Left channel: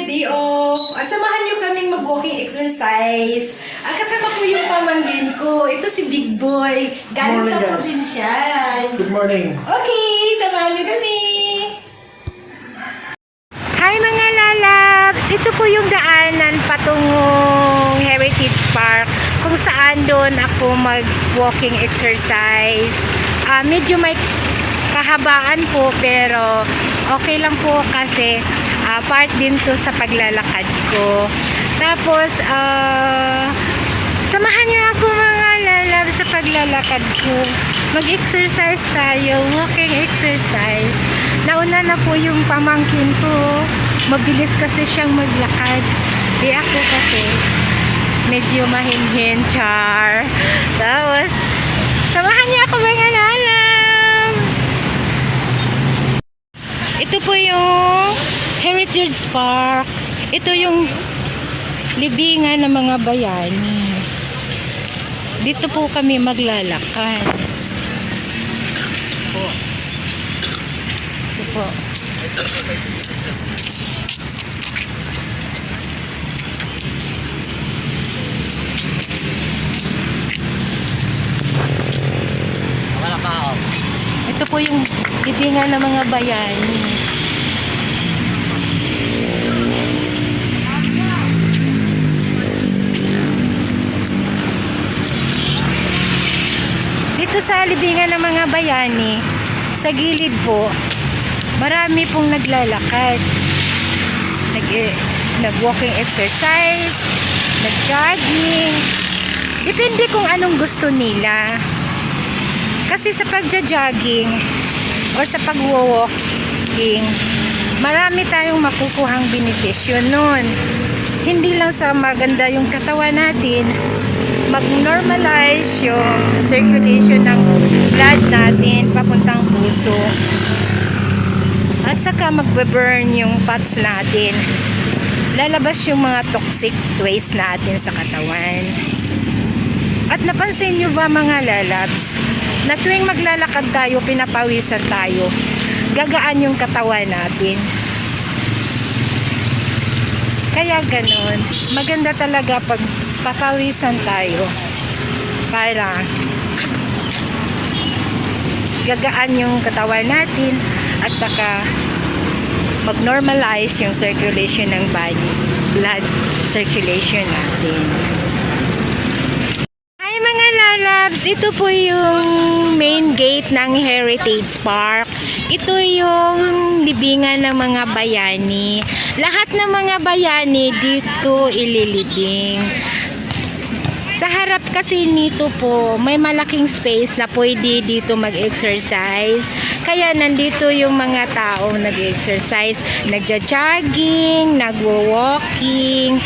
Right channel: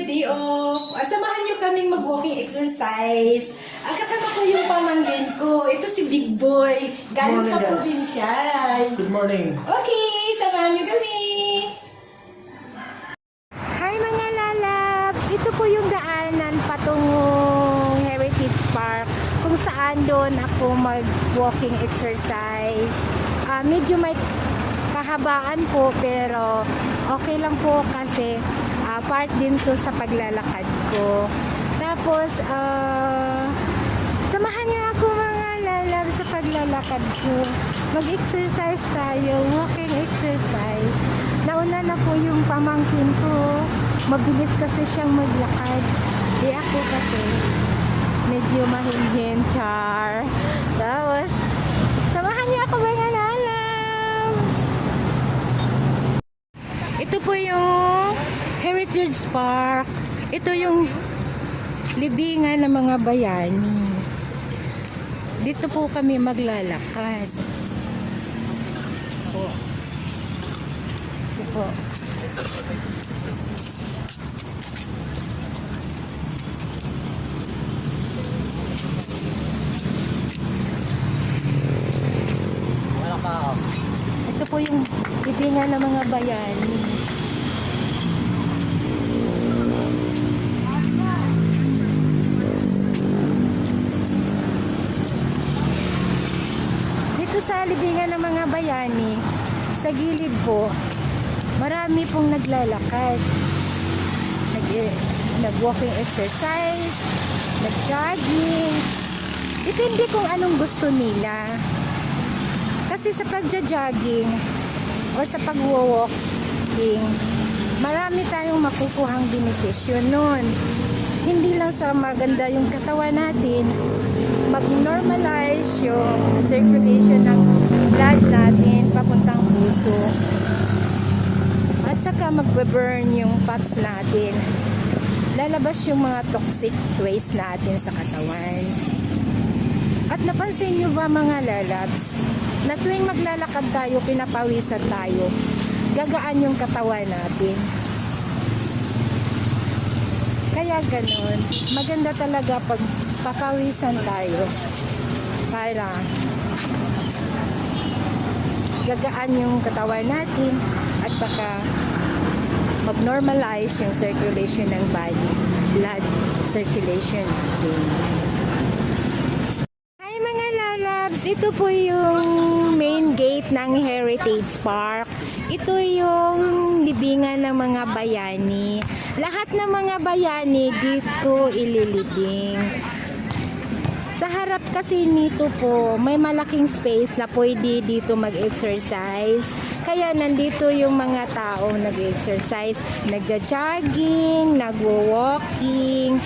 my day off. Samahan niyo kaming mag-walking exercise. Kasama ko yung pamangkin ko. Ito si Big Boy. Galing sa probinsya. Good morning. Okay, samahan niyo kami. Hi mga lalabs! Ito po yung daanan patungong Heritage Park kung saan doon ako mag-walking exercise. Medyo may kahabaan po pero okay lang po kasi part din to sa paglalakad ko. Tapos samahan niyo ako mga lalabs sa paglalakad ko. Mag-exercise tayo, walking exercise. Nauna na po yung pamangkin ko. Mabilis kasi siyang maglakad. Ako kasi medyo mahinhin, char. Tapos, samahan niyo ako mga lalabs. Ito po yung Heritage Park. Ito yung libingan ng mga bayani. Dito po kami maglalakad. Ito po. Ito po yung libingan ng mga bayani. Dito sa libingan ng mga bayani, sa gilid po, marami pong naglalakad. Nag-walking exercise, nag-jogging. Depende kung anong gusto nila. Kasi sa pagja-jogging or sa pag-walking, marami tayong makukuhang benepisyo nun. Hindi lang sa maganda yung katawan natin, mag-normalize yung circulation ng blood natin papuntang puso. At saka mag-burn yung fats natin. Lalabas yung mga toxic waste natin sa katawan. At napansin nyo ba mga lalabs, na tuwing maglalakad tayo, pinapawisan tayo, gagaan yung katawan natin. Kaya ganun, maganda talaga pag papawisan tayo para gagaan yung katawan natin at saka mag-normalize yung circulation ng body, blood circulation natin. Hi mga lalabs, ito po yung main gate ng Heritage Park. Ito yung libingan ng mga bayani. Lahat ng mga bayani dito ililibing. Sa harap kasi nito po, may malaking space na pwede dito mag-exercise. Kaya nandito yung mga taong nag-exercise, nagja-jogging, nagwo-walking,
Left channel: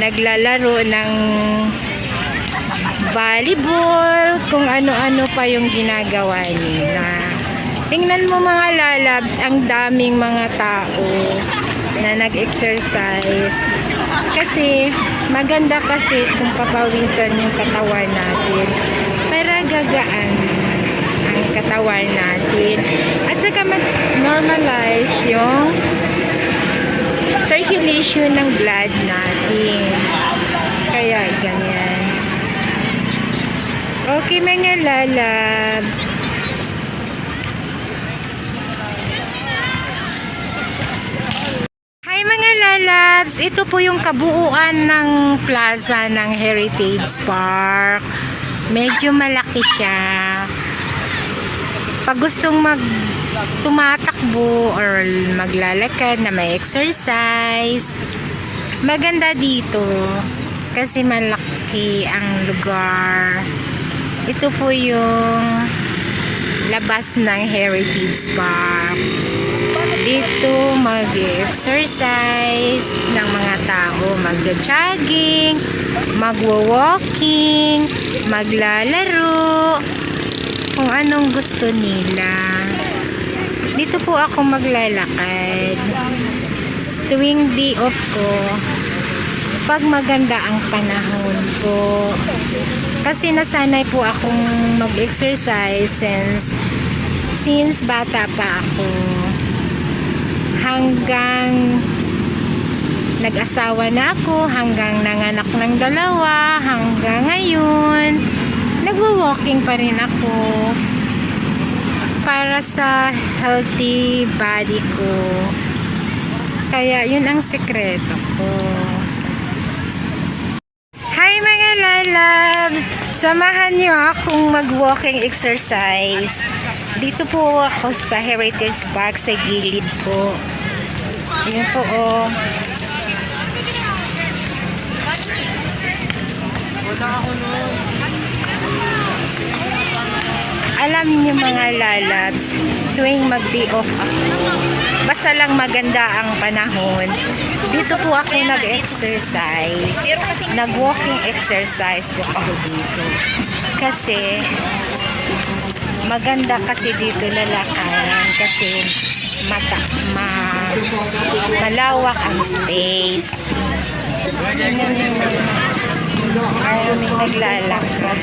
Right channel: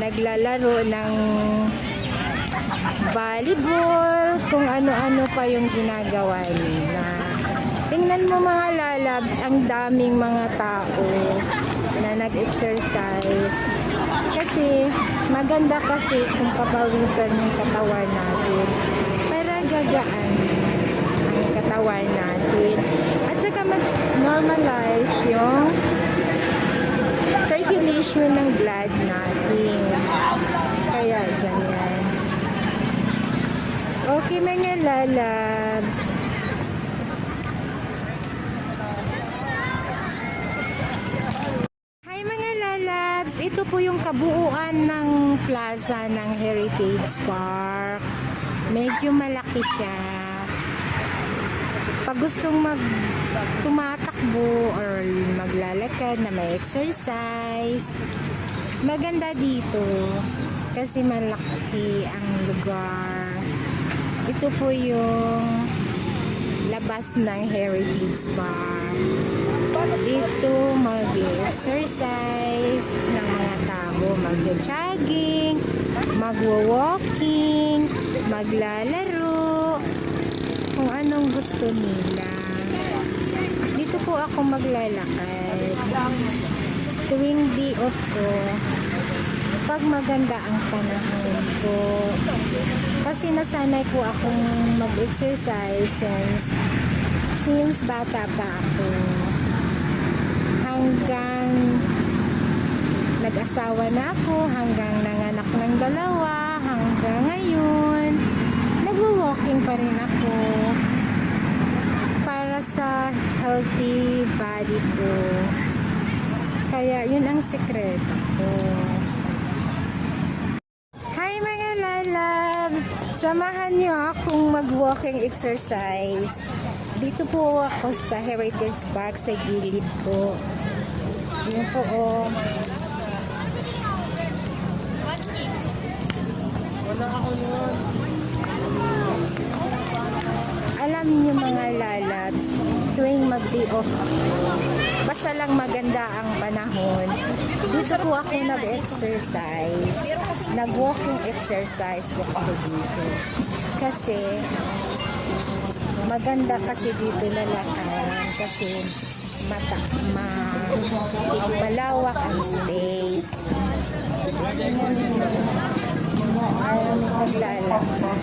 naglalaro ng volleyball, kung ano-ano pa yung ginagawa nila. Tingnan mo mga lalabs, ang daming mga tao na nag-exercise. Kasi maganda kasi kung papawisan yung katawan natin para gagaan ang katawan natin. At saka mag-normalize yung circulation ng blood natin. Kaya ganyan. Okay mga lalabs. Lalabs, ito po yung kabuuan ng plaza ng Heritage Park. Medyo malaki siya. Pag gustong tumatakbo or maglalakad na may exercise, maganda dito kasi malaki ang lugar. Ito po yung labas ng Heritage Park. Dito mag-exercise ng mga tao, magja-jogging, magwo-walking, maglalaro, kung anong gusto nila. Dito po ako maglalakad tuwing day off ko pag maganda ang panahon ko. Kasi nasanay po akong mag-exercise since bata pa ako hanggang Nag-asawa na ako hanggang nanganak ng dalawa, hanggang ngayon nagwo-walking pa rin ako para sa healthy body ko. Kaya yun ang sekreto ko. Hi mga lalabs! Samahan niyo akong mag-walking exercise. Dito po ako sa Heritage Park sa gilid po. Yun po oh. Alam niyo mga lalabs, tuwing mag-day off ako, basta lang maganda ang panahon, dito po ako nag-exercise. Nag-walking exercise po ako dito. Kasi, maganda kasi dito lalakaran kasi malawak ang space. Maraming naglalakad.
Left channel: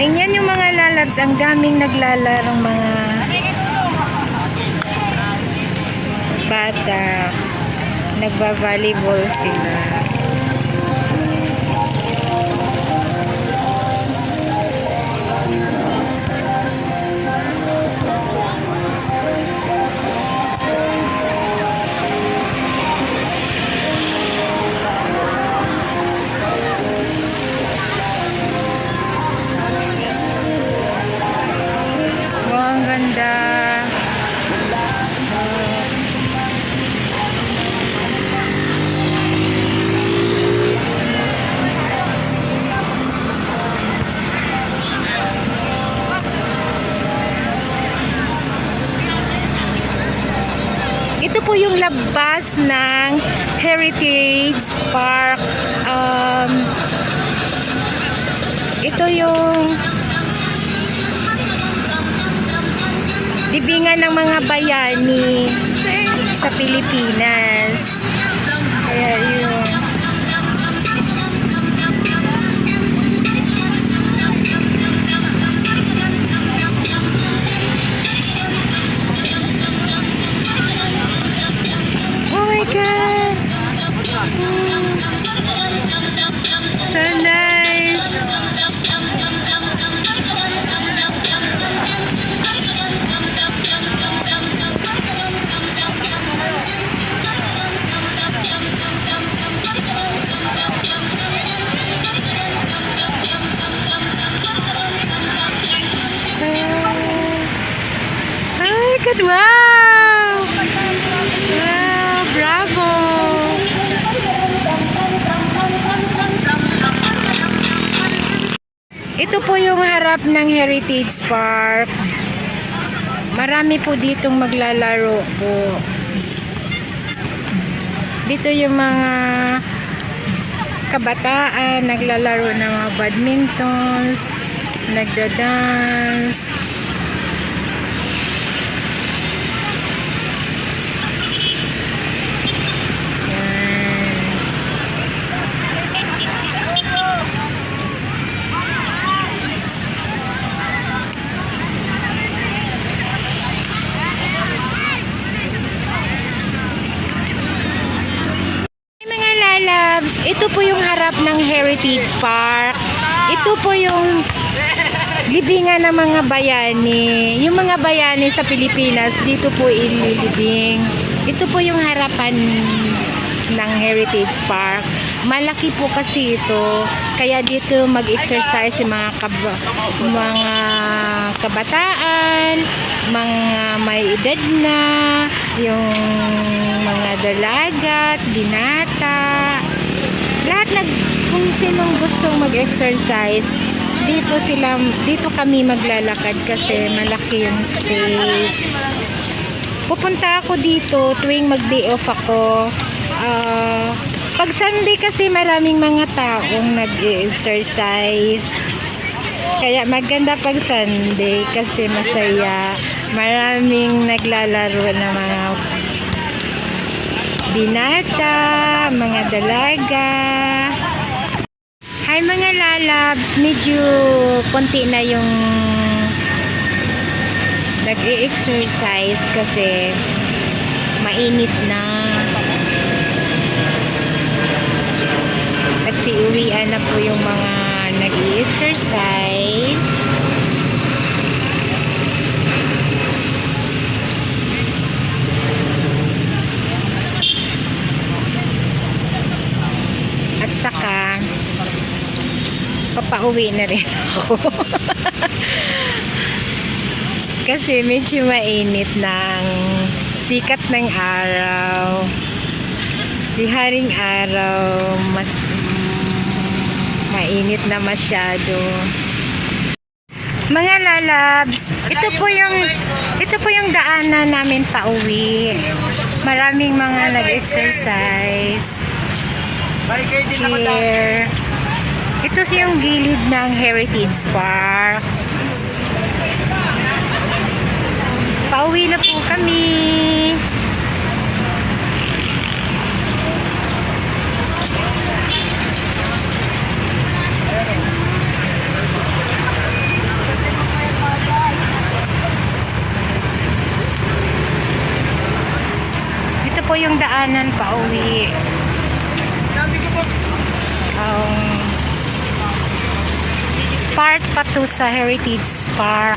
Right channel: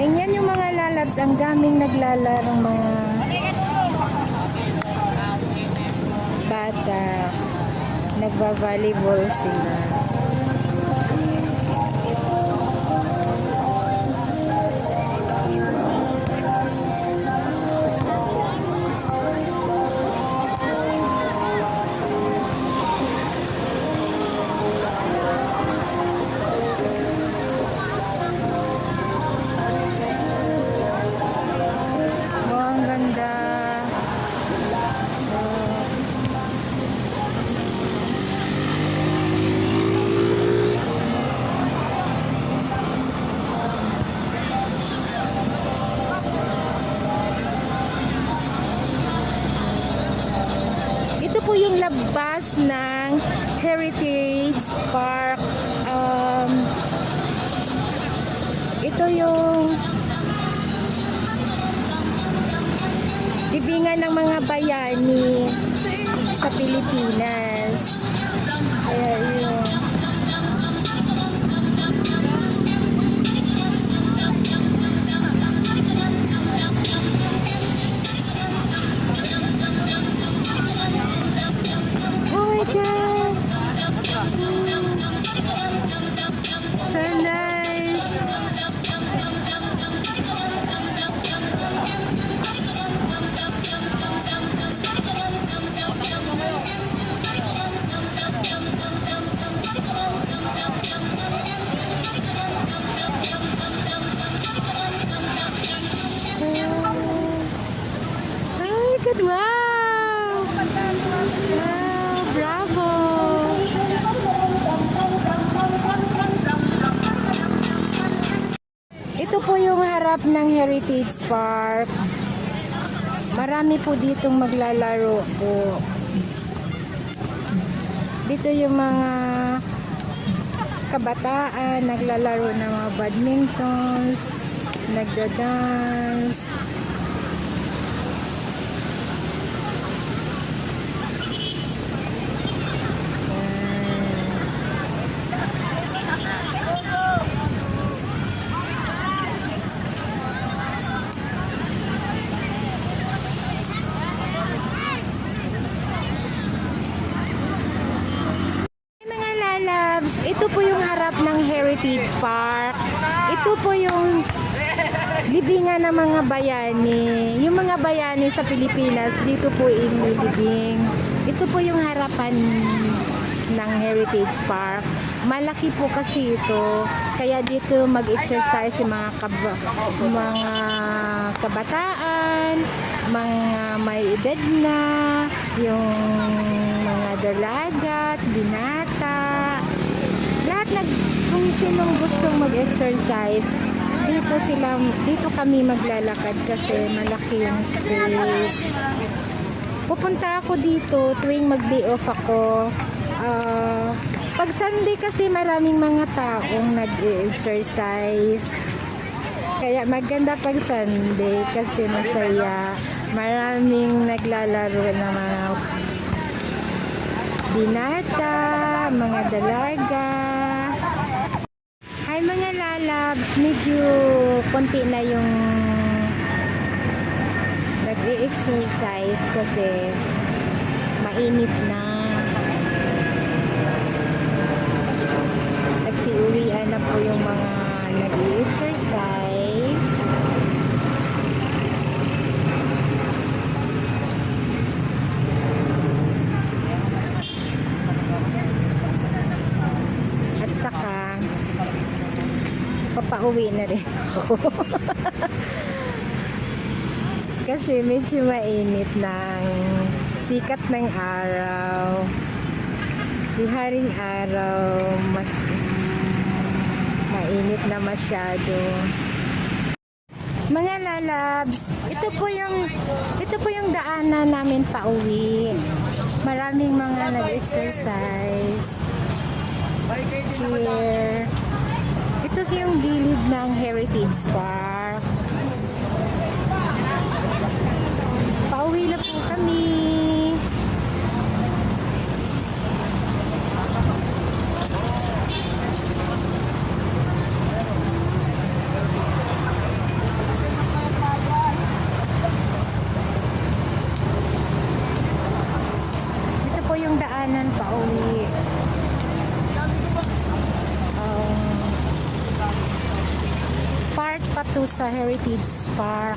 Tingnan yung mga lalabs, ang daming naglalarong mga bata. Nagba-volleyball sila. Po yung labas ng Heritage Park. Ito yung libingan ng mga bayani sa Pilipinas. Kaya yun. So nice. Ay, kadwa! Ito po yung harap ng Heritage Park. Marami po ditong maglalaro po. Dito yung mga kabataan naglalaro ng mga badmintons, nagda-dance. Ito po yung harap ng Heritage Park. Ito po yung libingan ng mga bayani. Yung mga bayani sa Pilipinas, dito po ililibing. Ito po yung harapan ng Heritage Park. Malaki po kasi ito. Kaya dito mag-exercise yung mga kabataan, mga may edad na, yung mga dalaga, binata. Lahat kung sinong gustong mag-exercise, dito kami maglalakad kasi malaki yung space. Pupunta ako dito tuwing mag-day off ako. Pag Sunday kasi maraming mga taong nag-exercise. Kaya maganda pag Sunday kasi masaya. Maraming naglalaro ng mga binata, mga dalaga. Hi mga lalabs, medyo konti na yung nag-e-exercise kasi mainit na. Nagsiuwian na po yung mga nag-e-exercise. At saka papauwi na rin ako. Kasi medyo mainit ng sikat ng araw. Si haring araw mas mainit na masyado. Mga lalabs, ito po yung daanan namin pauwi. Maraming mga nag-exercise. Here. Ito yung gilid ng Heritage Park. Pauwi na po kami. Ito po yung daanan pauwi. Part pa to sa Heritage Park.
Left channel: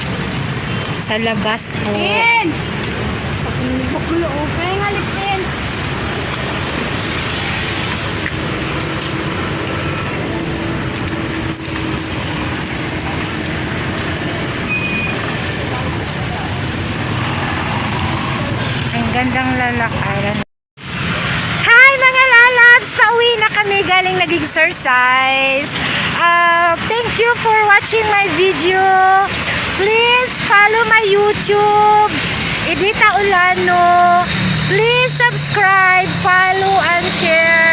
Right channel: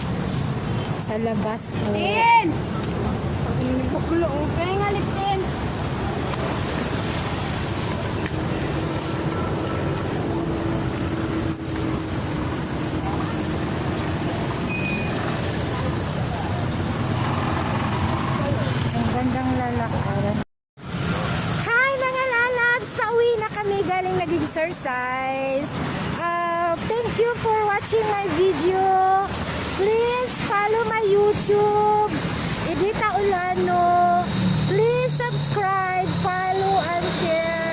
Sa labas po. Ang gandang lalakaran. Hi mga lalabs! Pauwi na kami galing nag-exercise. Thank you for watching my video. Please follow my YouTube, Edita Olano. Please subscribe, follow, and share.